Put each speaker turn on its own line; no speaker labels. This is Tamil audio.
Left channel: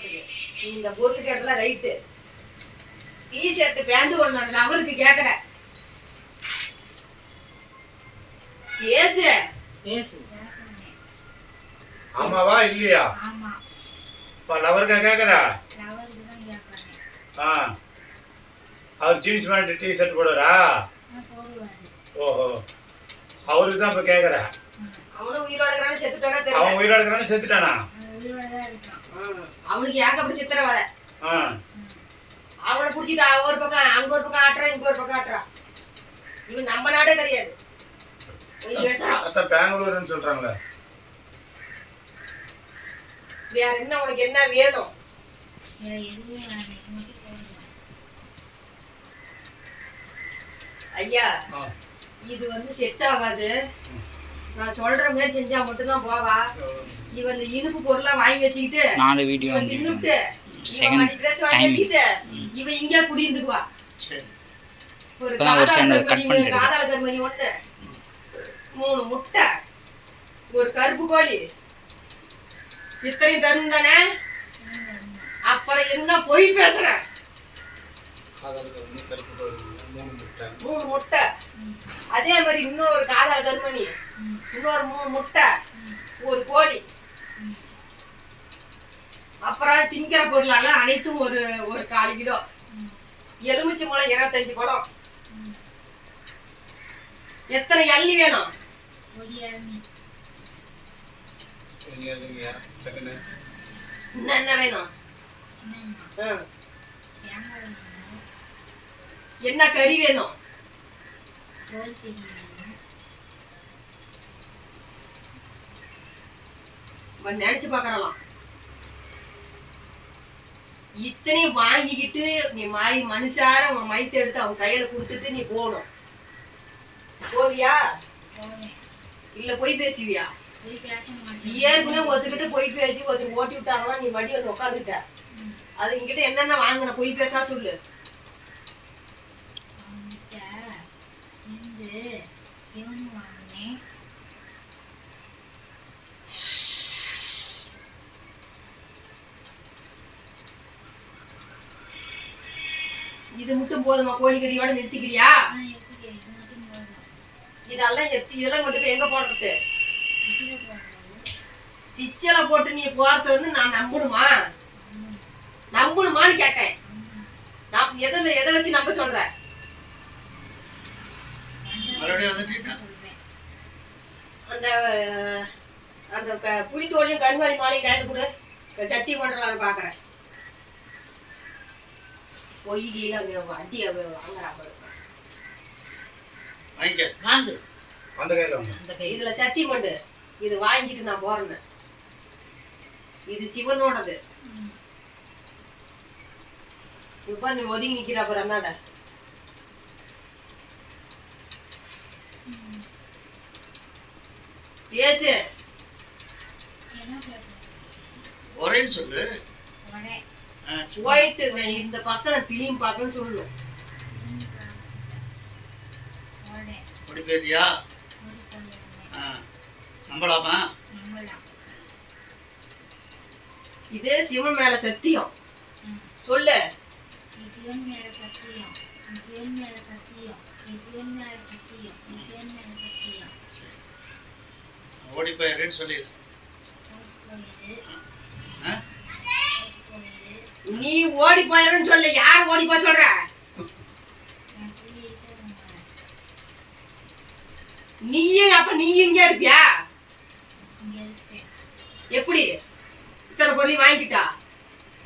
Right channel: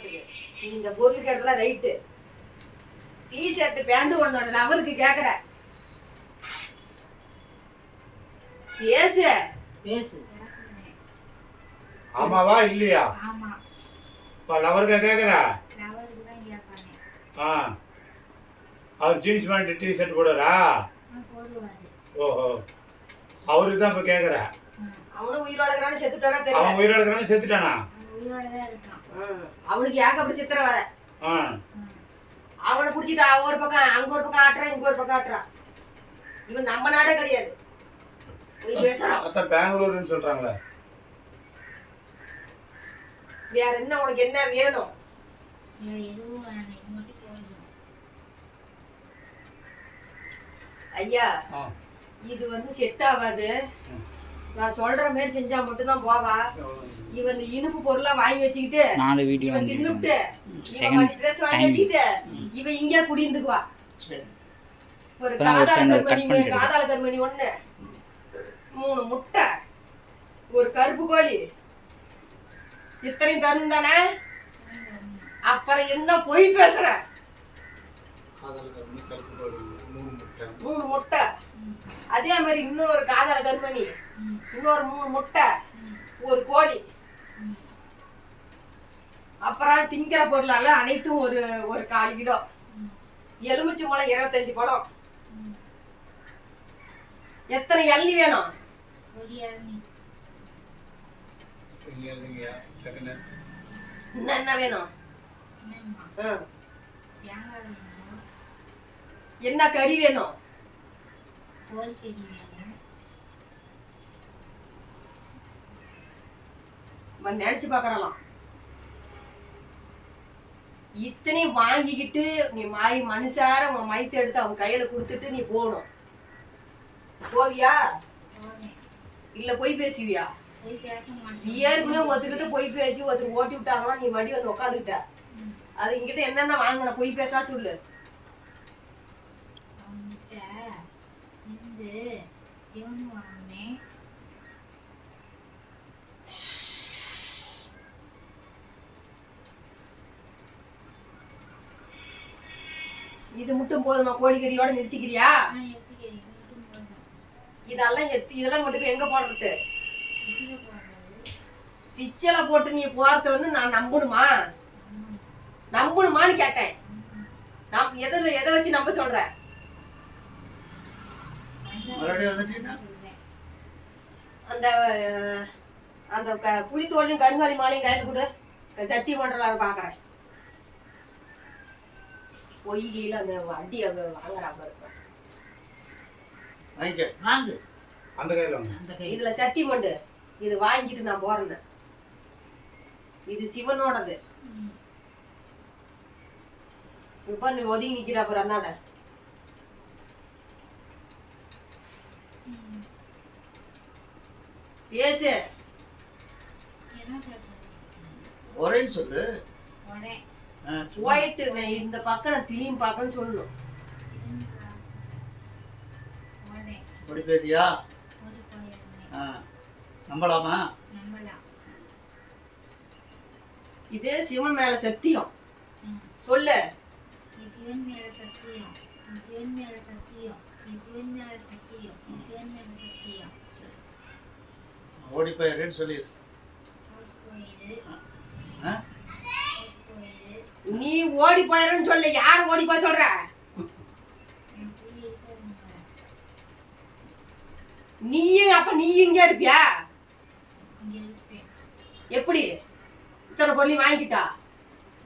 போறதுக்கு நீ இந்த பொருள் கேட்டலாம் ரைட்டு. டி ஷர்ட் பேண்ட் ஒன்று அதில் அவருக்கு கேட்குற பேசு
பேசு
ஆமாவா இல்லையா?
ஆமா.
இப்போ லவருக்கா கேட்குறா
லவருக்கு
ஆ. அவர் ஜீன்ஸ் பேண்ட் டி ஷர்ட் போடுறா ஓஹோ. அவருக்கு தான் இப்போ கேட்குறா
அவனும் உயிரோட இருக்கிறான்னு செத்துட்டானா
அவன் உயிரோட இருக்கிறான்னு செத்துட்டானா?
அவன்.
அவனுக்கு ஏங்க அப்படி சித்திர வர. அவனை பிடிச்சிட்டு அவ ஒரு பக்கம் அங்க ஒரு பக்கம் ஆட்டுறான் இங்க ஒரு பக்கம் ஆட்டுறான் இவன் நம்ம நாடே கிடையாது.
பெங்களூருன்னு சொல்கிறாங்களே
வேற என்ன உனக்கு என்ன வேணும்? ஐயா இது வந்து செட் ஆகாது. நான் சொல்ற மாதிரி செஞ்சா மட்டும்தான் போவா. இவன் இந்த இனிப்பு பொருளா வாங்கி வச்சுக்கிட்டு
நாலு வீடியோ
இவன்
வந்து
தின்னுட்டு இவன் ட்ரெஸ் வாங்கி. வச்சுக்கிட்டு இவன் இங்கே குடியிருந்துக்குவா.
சரி.
ஒரு காதால
பண்ணிட்டு
காதால கருமணி ஒண்ணு. மூணு முட்டை. ஒரு கருப்பு கோழி. இத்தனையும் தரும் தானே? அப்புறம் என்ன பொய் பேசுற?
காதல் கருமணி கருப்பு கருமணி மூணு முட்டை.
மூணு முட்டை. அதே மாதிரி இன்னொரு காதால கருமணி. இன்னொரு மூணு முட்டை. ஒரு கோழி. அப்புறம் திங்கிற பொருளெல்லாம் அனைத்தும் ஒரு ஒரு கால் கிலோ. எலுமிச்சை பழம் இருபத்தஞ்சு பழம். எத்தனை எள்ளி வேணும்? என்ன வேணும்? என்ன கறி வேணும். அவன் நினைச்சு பார்க்கறலாம். இத்தனையும் வாங்கிக்கிட்டு நீ மாய் மனுஷார உன் மைத்தை எடுத்து அவன் கையில கொடுத்துட்டு நீ போகணும். போவியா? இல்ல போய் பேசுவியா? ஏற்கனவே ஒருத்தர்கிட்ட போய் பேசி ஒருத்தர் ஓட்டி விட்டாங்கன்னா நீ மடி வந்து உட்காந்துக்கிட்ட அது என்கிட்ட என்னென்ன வாங்கின? போய் பேசா சொல்லு.
எவனு வாங்கினேன்.
இது மட்டும் போதுமா? கோழிக்கறியோட நிறுத்திக்கிறியா? இதெல்லாம் எத்தி இதெல்லாம் கொண்டு போய் எங்க போடுறது? பிச்சலை போட்டு நீ போறது வந்து நான் நம்பணுமா? நம்பணுமான்னு கேட்டேன். நான் எதில் எதை வச்சு நம்ப
சொல்வேன்
அந்த அந்த புலித்தோலையும் கருங்காலி மாலையும் கையில் கொடு. சத்தியம் பண்றலான்னு பாக்குறேன். பொய் கீழே அந்த வண்டி வாங்குறா பாரு
வாங்கிக்க.
வாங்கு.
அந்த கையில்
அந்த கை
இதுல சத்தியம் பண்ணு இது வாங்கிட்டு நான் போறேன்னு. இது சிவனோடது. இப்ப நீ ஒதுங்கி நிக்கிற அப்புறம் அந்தாண்ட. பேசு?
ஒரேன்னு சொல்லு.
ஒரே.
ஒயிட் இந்த பக்கம் கிளீன் பார்க்கன்னு சொல்லணும்
ஒரே
ஆ நம்பலாமா?
இது சிவன் மேல சத்தியம். சொல்லு.
நீ சிவன் மேல சத்தியம். நீ சிவன் மேல சத்தியம். நீ சிவன் மேல சத்தியம். நீ சிவன் மேல சத்தியம்.
ஓடி போயிடுறேன்னு சொல்லிடு.
நீ ஓடி போயிடுன்னு சொல்லு. யார் ஓடி போய் சொல்ற? நீயும் அப்ப நீ இங்க இருப்பியா? எப்படி? இத்தனை பொருளையும் வாங்கிக்கிட்டா